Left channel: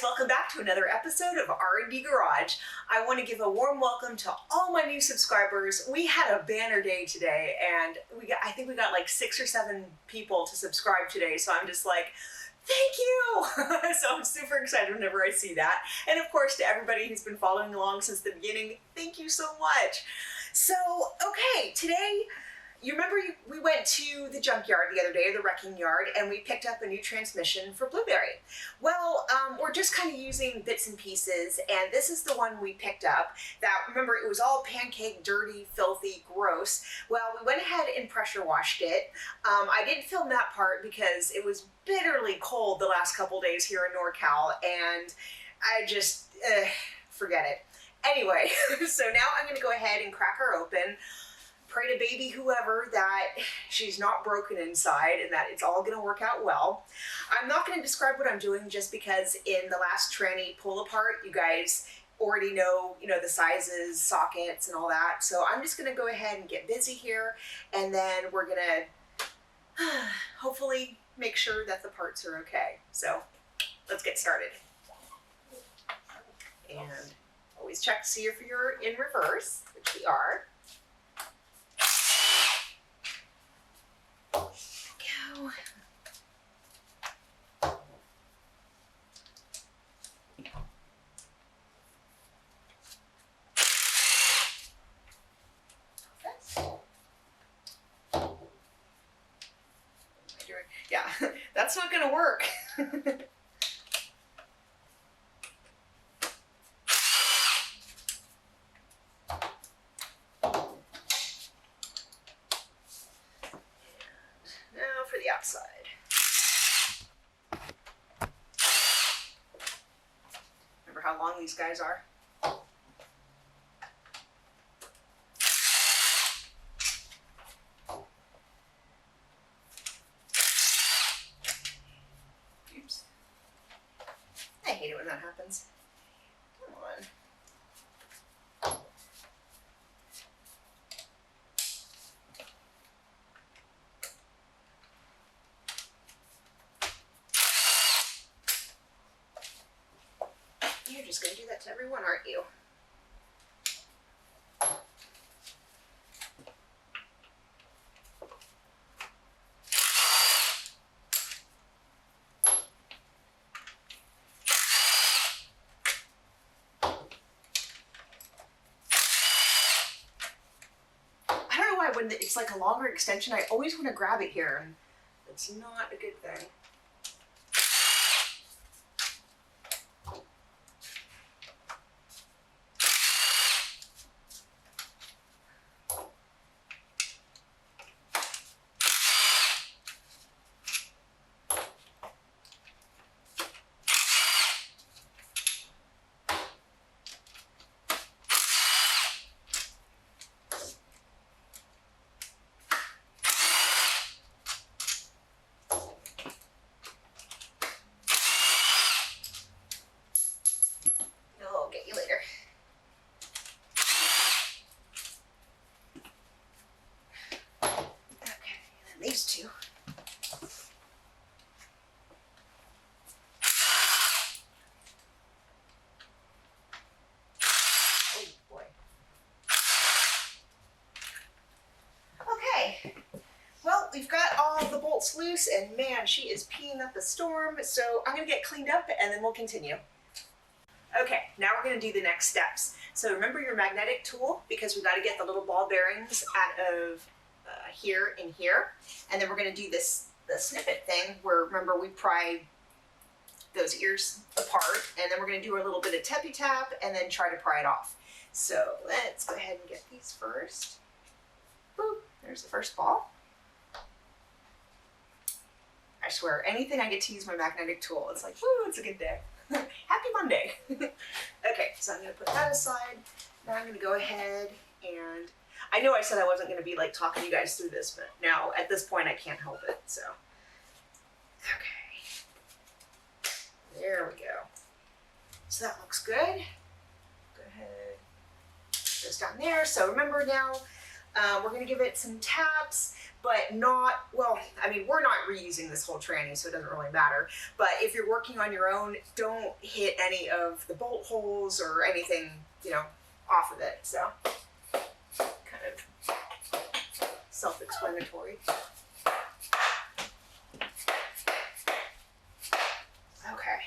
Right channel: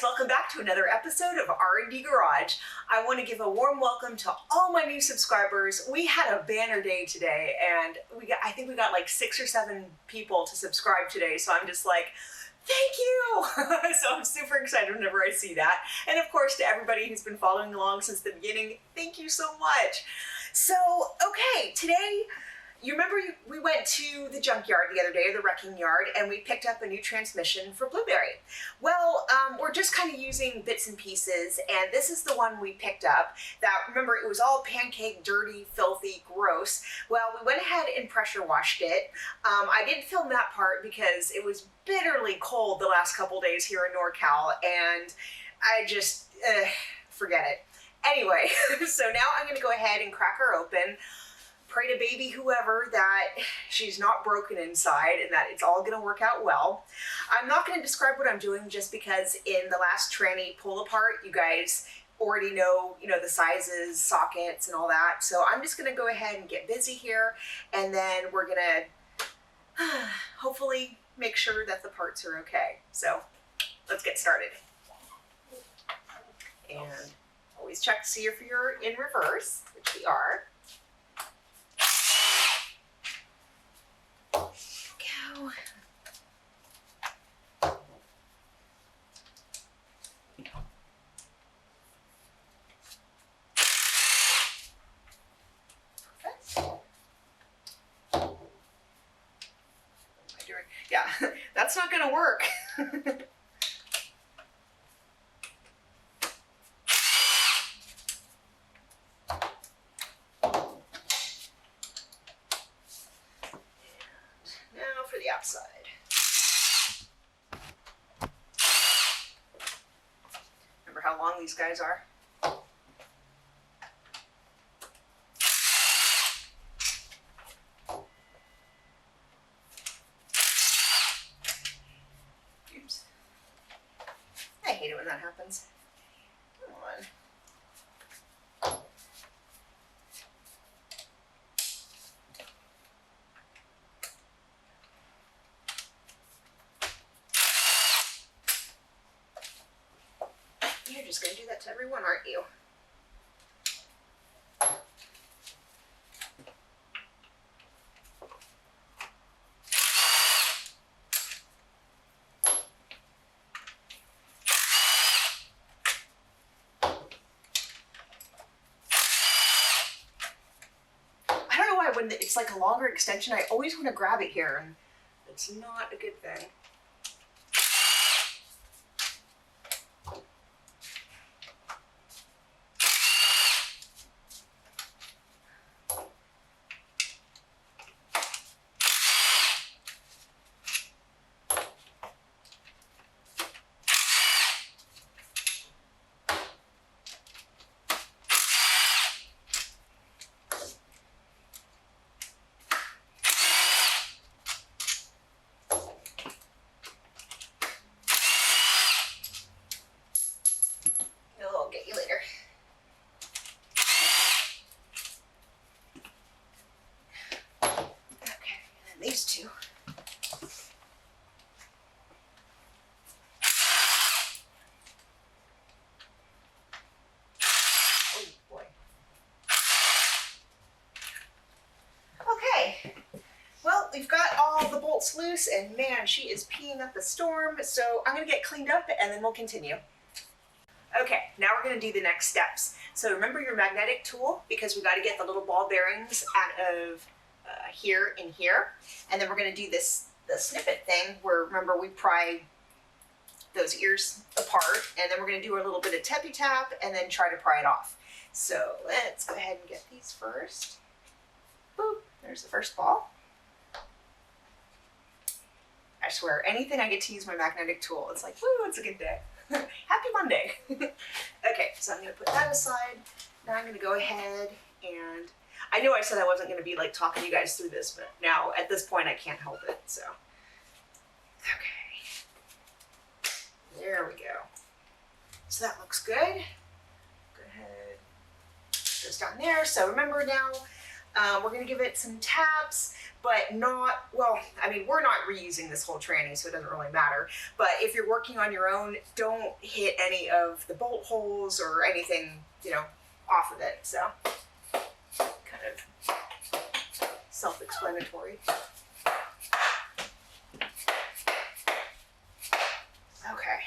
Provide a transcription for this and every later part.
guys, welcome back to another episode of R&Dgarage. I want to give a warm welcome to all my new subscribers. We had a banner day today and I think we got like 6 or 7 people to subscribe today, so I'm just like, thank you! So I'm super excited whenever I see that. And of course, to everybody who's been following along since the beginning, thank you so much. So, okay, today, you remember we went to the junkyard the other day, the wrecking yard, and we picked up a new transmission for Blueberry. Well, we're just kind of using bits and pieces, and this is the one we picked up that, remember, it was all pancake, dirty, filthy, gross. Well, we went ahead and pressure washed it. I didn't film that part because it was bitterly cold the last couple days here in NorCal, and I just, forget it. Anyway, so now I'm going to go ahead and crack her open. Pray to baby whoever that she's not broken inside and that it's all going to work out well. I'm not going to describe what I'm doing just because in the last tranny pull apart, you guys already know, the sizes, sockets, and all that. So I'm just going to go ahead and get busy here, and then we're going to hopefully make sure that the parts are okay. So let's get started. And always check to see if you're in reverse, which we are. Go. Perfect. What am I doing? Yeah, that's not going to work. Outside. Remember how long these guys are? Oops. I hate it when that happens. Come on. You're just going to do that to everyone, aren't you? I don't know why when it's like a longer extension, I always want to grab it here, and it's not a good thing. Get you later. Okay, and then these two. Oh boy. Okay. Well, we've got all the bolts loose, and man, she is peeing up a storm, so I'm gonna get cleaned up and then we'll continue. Okay, now we're going to do the next steps. So remember your magnetic tool, because we got to get the little ball bearings out of here and here. And then we're going to do the snippet thing where, remember, we pry those ears apart, and then we're going to do a little bit of tappy tap and then try to pry it off. So let's go ahead and get these first. Boop, there's the first ball. I swear, anything I get to use my magnetic tool, it's like, woo, it's a good day. Happy Monday. Okay, so I'm going to put that aside. Now I'm going to go ahead and, I know I said I wasn't going to be like talking you guys through this, but now at this point I can't help it, so. Okay. There we go. So that looks good. Go ahead. Goes down there. So remember now, we're going to give it some taps, but not, well, I mean, we're not reusing this whole tranny, so it doesn't really matter. But if you're working on your own, don't hit any of the bolt holes or anything, you know, off of it. So kind of self-explanatory. Okay,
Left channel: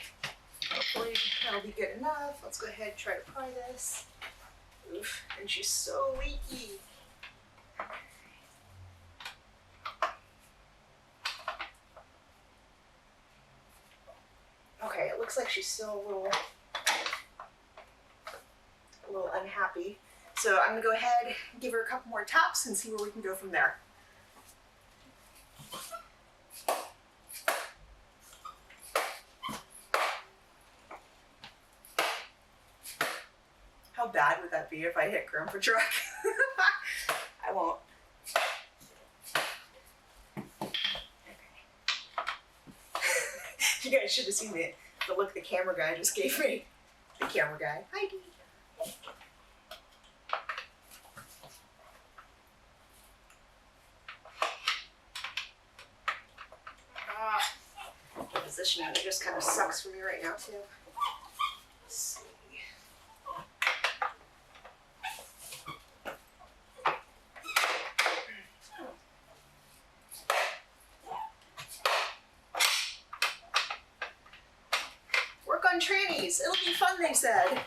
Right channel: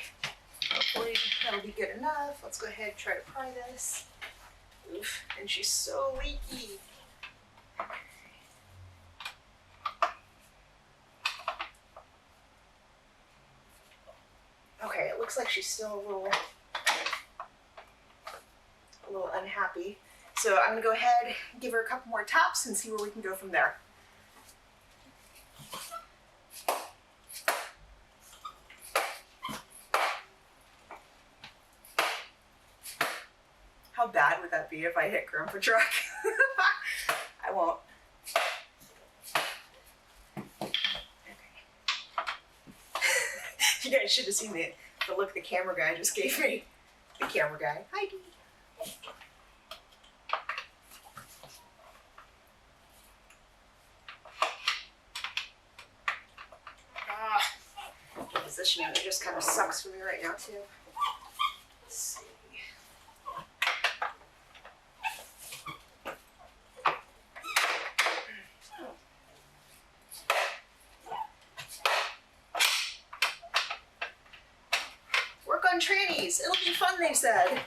hopefully that'll be good enough. Let's go ahead and try to pry this. Oof, and she's so leaky. Okay, it looks like she's still a little unhappy. So I'm gonna go ahead, give her a couple more taps and see where we can go from there. How bad would that be if I hit Grandpa Truck? I won't. Okay. You guys should have seen the look the camera guy just gave me. The camera guy. Hi, Dee. The positioning, it just kind of sucks for me right now, too. Let's see. Work on trannies. It'll be fun, they said.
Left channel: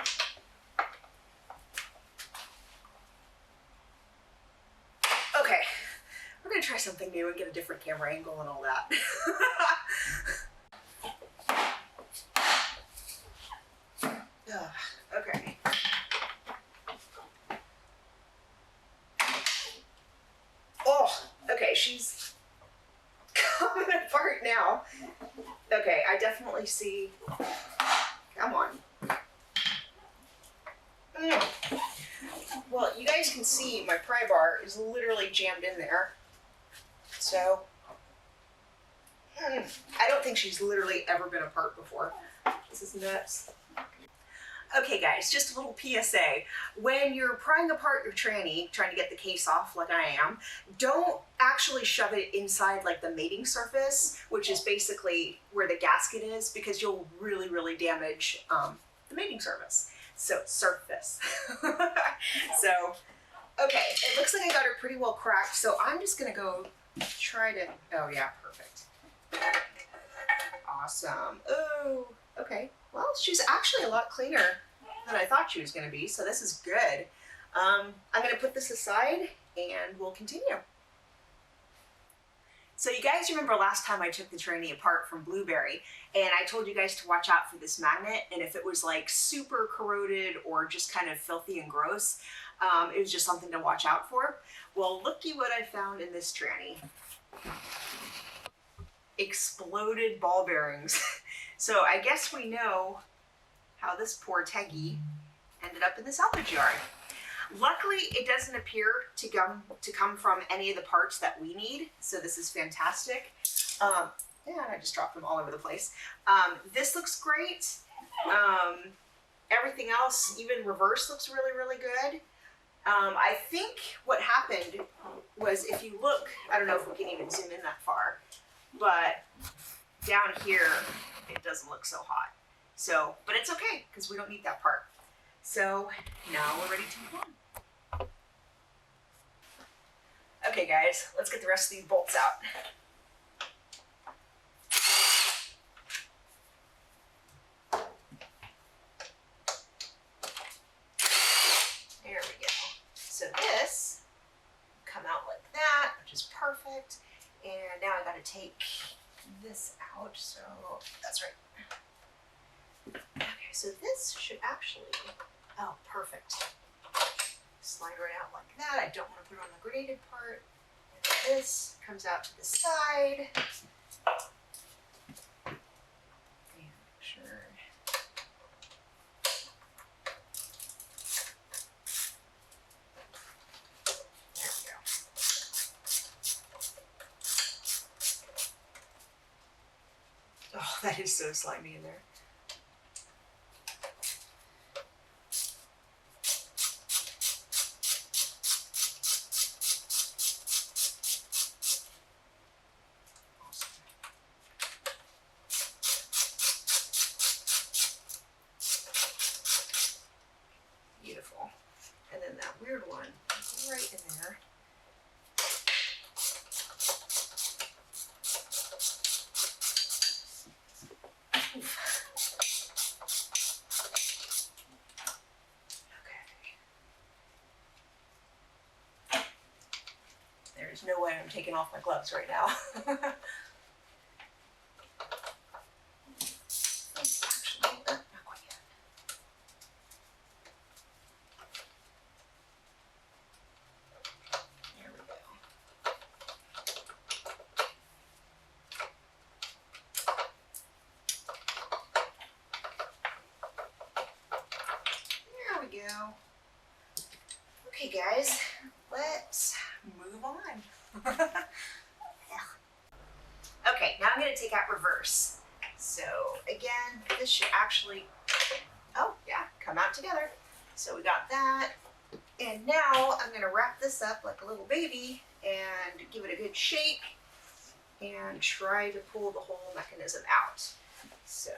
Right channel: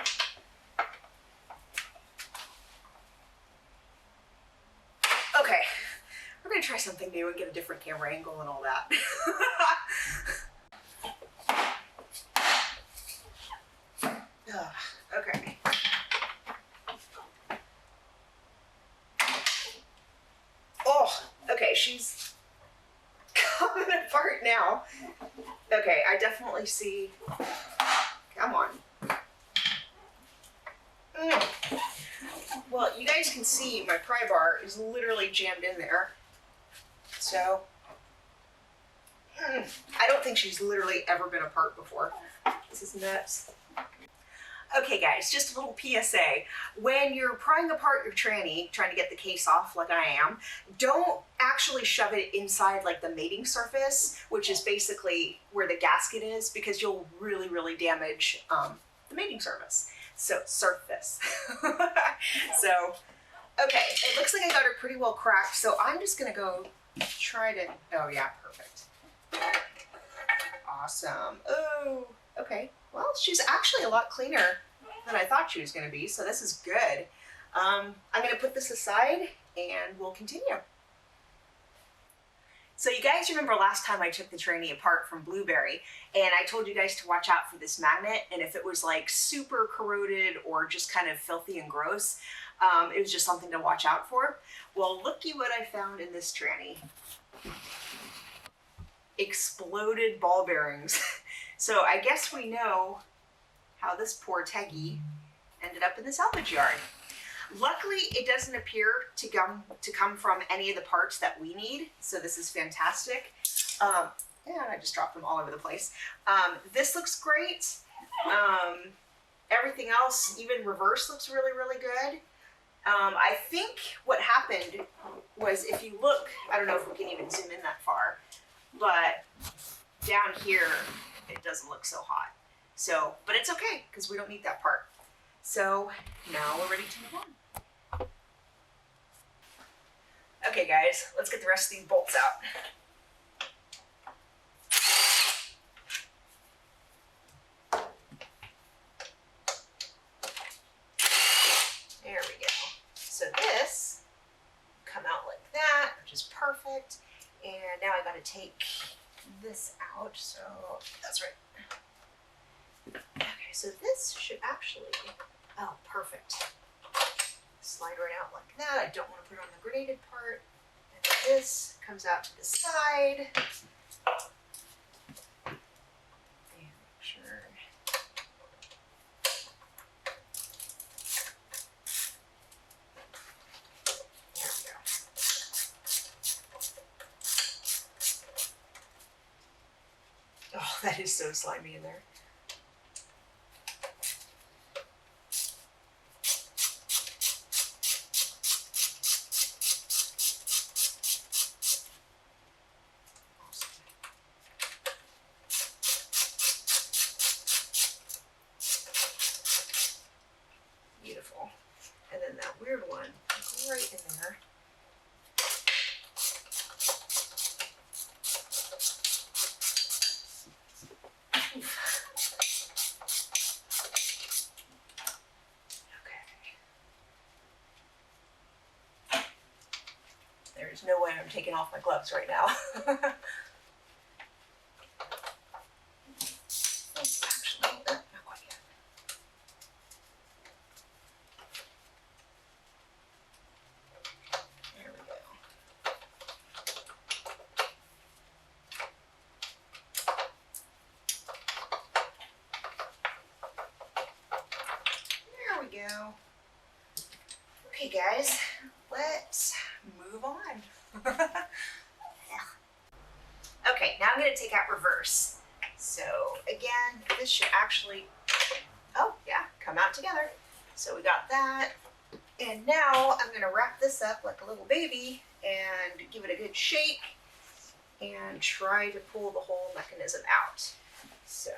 Okay, we're gonna try something new and get a different camera angle and all that. Okay. Oh, okay, she's coming apart now. Okay, I definitely see. Come on. Well, you guys can see my pry bar is literally jammed in there. So, I don't think she's literally ever been apart before. This is nuts. Okay guys, just a little PSA. When you're prying apart your tranny, trying to get the case off like I am, don't actually shove it inside like the mating surface, which is basically where the gasket is, because you'll really, really damage the mating surface. So, so, okay, it looks like I got her pretty well cracked, so I'm just gonna go try to, oh yeah, perfect. Awesome. Oh, okay. Well, she's actually a lot cleaner than I thought she was going to be, so this is good. I'm going to put this aside and we'll continue. So you guys remember last time I took the tranny apart from Blueberry, and I told you guys to watch out for this magnet, and if it was like super corroded or just kind of filthy and gross, it was just something to watch out for. Well, looky what I found in this tranny. Exploded ball bearings. So I guess we know how this poor Teggy ended up in the salvage yard. Luckily, it doesn't appear to come from any of the parts that we need, so this is fantastic. And I just dropped them all over the place. This looks great. Everything else, even reverse, looks really, really good. I think what happened was, if you look, I don't know if we can even zoom in that far, but down here, it doesn't look so hot. So, but it's okay, because we don't need that part. So now we're ready to move on. Okay guys, let's get the rest of these bolts out. There we go. So this come out like that, which is perfect. And now I gotta take this out, so that's right. Okay, so this should actually, oh, perfect. Slide right out like that. I don't want to put it on the graded part. And this comes out to the side. And make sure. There we go. Oh, that is so slimy in there. weird one right in there. There's no way I'm taking off my gloves right now. Actually, not quite yet. There we go. There we go. Okay, guys, let's move on. Okay, now I'm going to take out reverse. So again, this should actually, oh yeah, come out together. So we got that. And now I'm going to wrap this up like a little baby and give it a good shake and try to pull the whole mechanism out. So,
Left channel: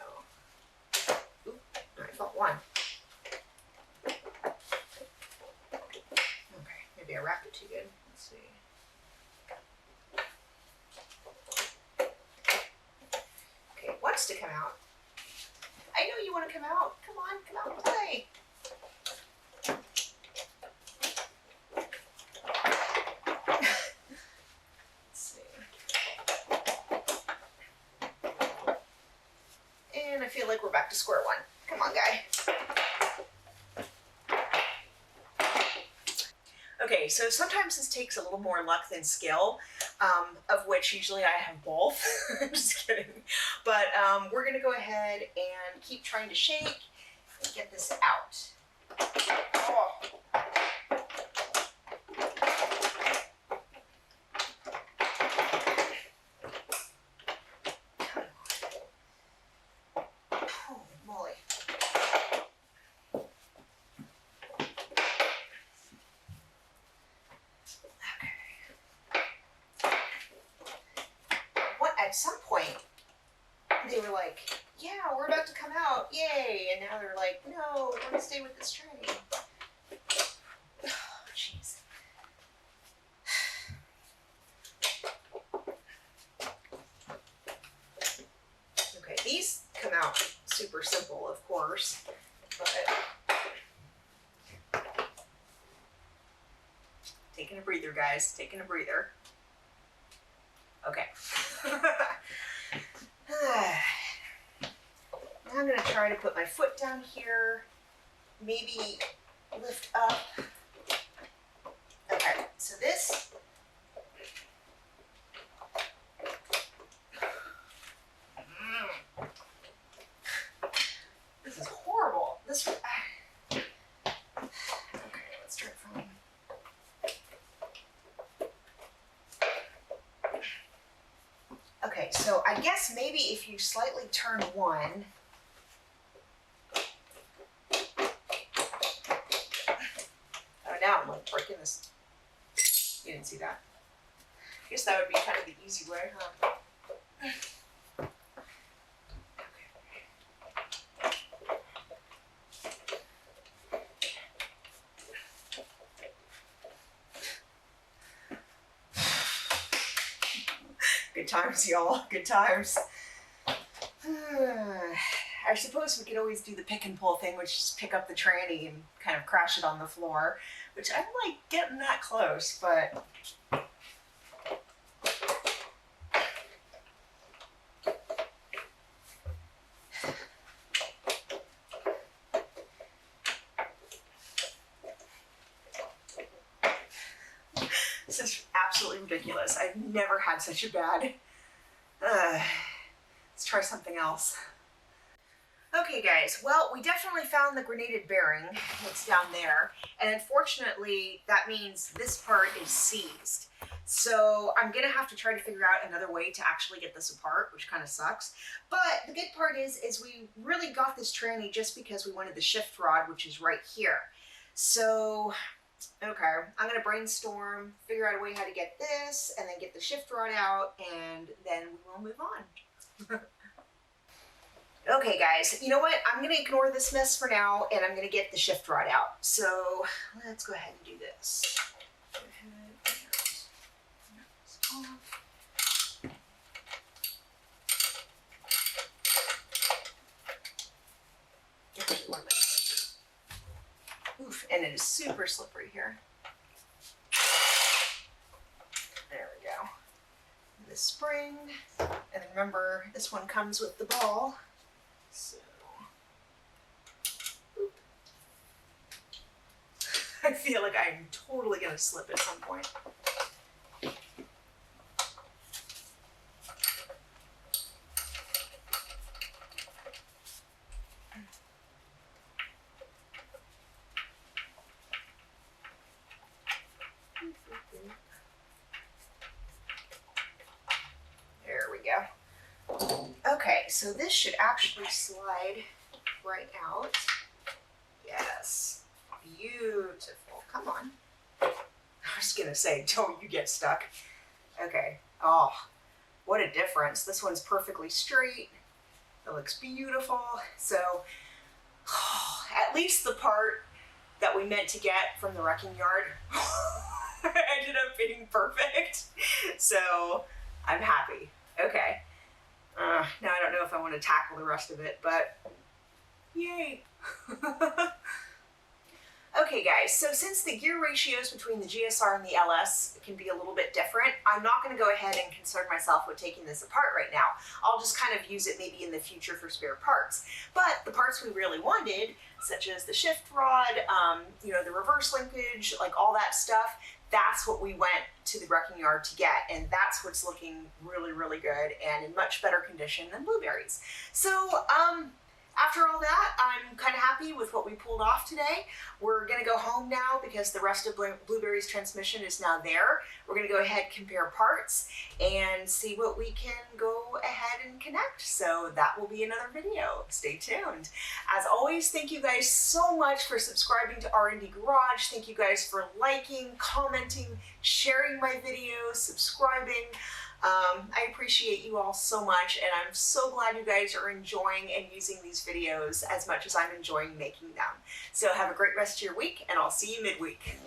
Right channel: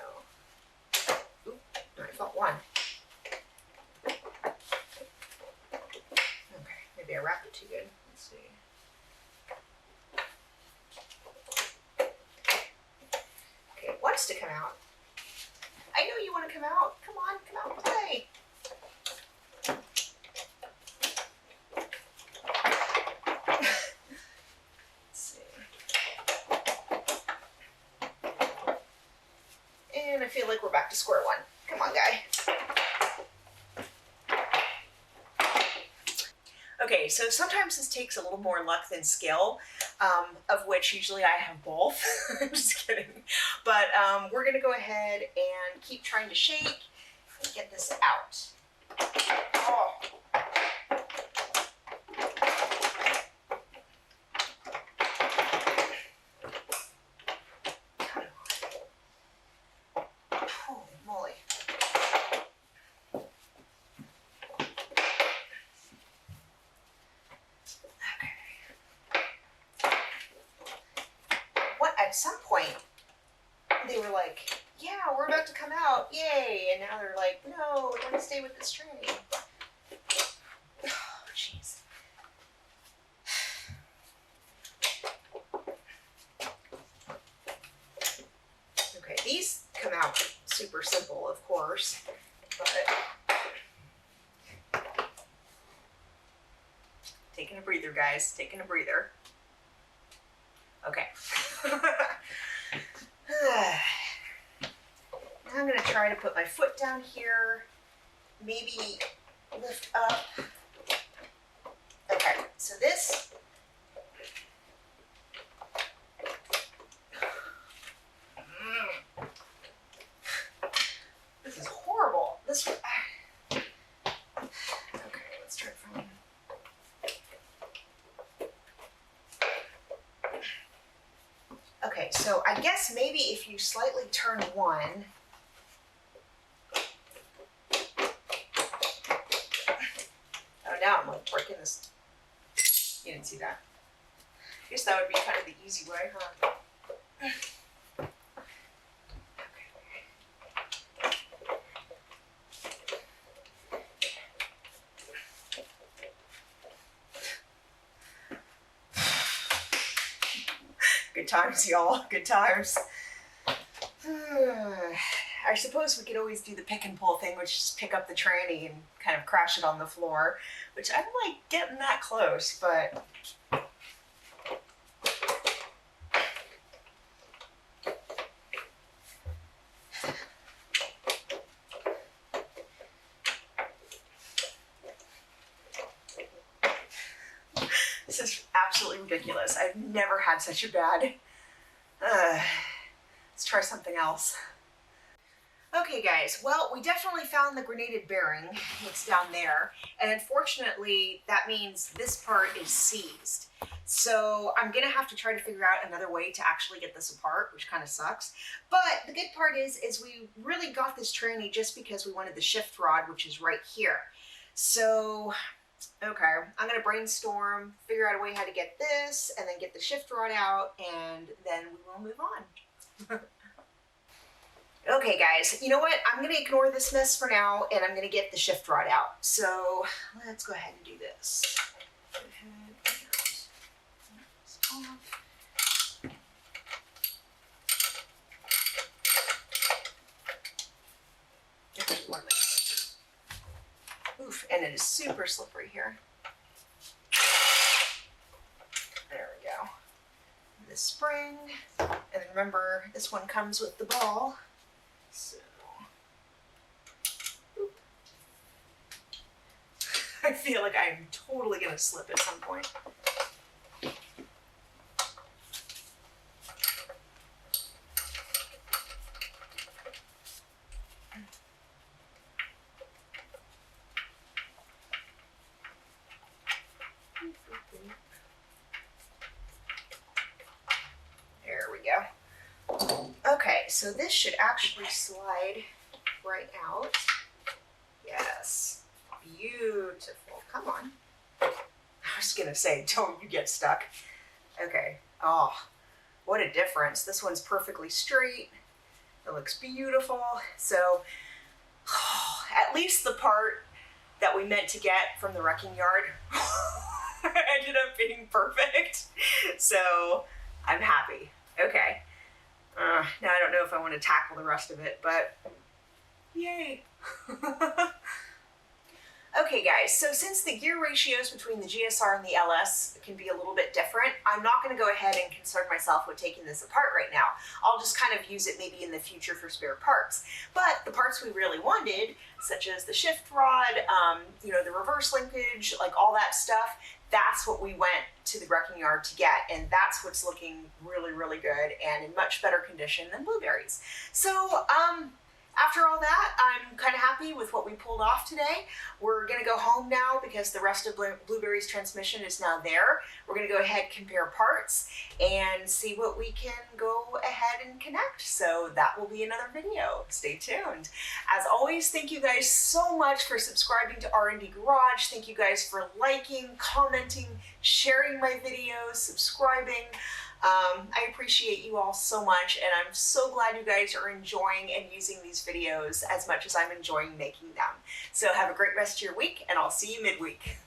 oop, I felt one. Okay, maybe I wrapped it too good. Let's see. Okay, it wants to come out. I know you want to come out. Come on, come out and play. Let's see. And I feel like we're back to square one. Come on, guy. Okay, so sometimes this takes a little more luck than skill, of which usually I have both. I'm just kidding. But we're going to go ahead and keep trying to shake and get this out. Oh. Come on. Holy moly. At some point, they were like, yeah, we're about to come out, yay, and now they're like, no, we're going to stay with this tranny. Oh, jeez. Okay, these come out super simple, of course, but taking a breather, guys, taking a breather. Okay. Now I'm going to try to put my foot down here, maybe lift up. Okay, so this, this is horrible. This, okay, let's try it from. Okay, so I guess maybe if you slightly turn one, oh, now I'm like breaking this. You didn't see that. I guess that would be kind of the easy way, huh? Good times, y'all. Good times. I suppose we could always do the pick and pull thing, which is just pick up the tranny and kind of crash it on the floor, which I don't like getting that close, but this is absolutely ridiculous. I've never had such a bad, let's try something else. Okay guys, well, we definitely found the grenaded bearing. It's down there, and unfortunately that means this part is seized. So I'm gonna have to try to figure out another way to actually get this apart, which kind of sucks. But the good part is we really got this tranny just because we wanted the shift rod, which is right here. So, okay, I'm gonna brainstorm, figure out a way how to get this, and then get the shift rod out, and then we will move on. Okay guys, you know what? I'm gonna ignore this mess for now and I'm gonna get the shift rod out. So let's go ahead and do this. Go ahead and this off. Oof, and it is super slippery here. There we go. And the spring, and then remember this one comes with the ball. So, oop. I feel like I'm totally gonna slip at some point. There we go. Okay, so this should actually slide right out. Yes, beautiful. Come on. I was gonna say, don't you get stuck. Okay. Oh, what a difference. This one's perfectly straight. It looks beautiful. So, at least the part that we meant to get from the wrecking yard ended up being perfect. So, I'm happy. Okay. Now I don't know if I want to tackle the rest of it, but yay. Okay guys, so since the gear ratios between the GSR and the LS can be a little bit different, I'm not going to go ahead and concern myself with taking this apart right now. I'll just kind of use it maybe in the future for spare parts. But the parts we really wanted, such as the shift rod, you know, the reverse linkage, like all that stuff, that's what we went to the wrecking yard to get, and that's what's looking really, really good and in much better condition than Blueberry's. So, after all that, I'm kind of happy with what we pulled off today. We're gonna go home now because the rest of Blueberry's transmission is now there. We're gonna go ahead, compare parts, and see what we can go ahead and connect. So that will be another video. Stay tuned. As always, thank you guys so much for subscribing to R&D Garage. Thank you guys for liking, commenting, sharing my videos, subscribing. I appreciate you all so much, and I'm so glad you guys are enjoying and using these videos as much as I'm enjoying making them. So have a great rest of your week, and I'll see you midweek.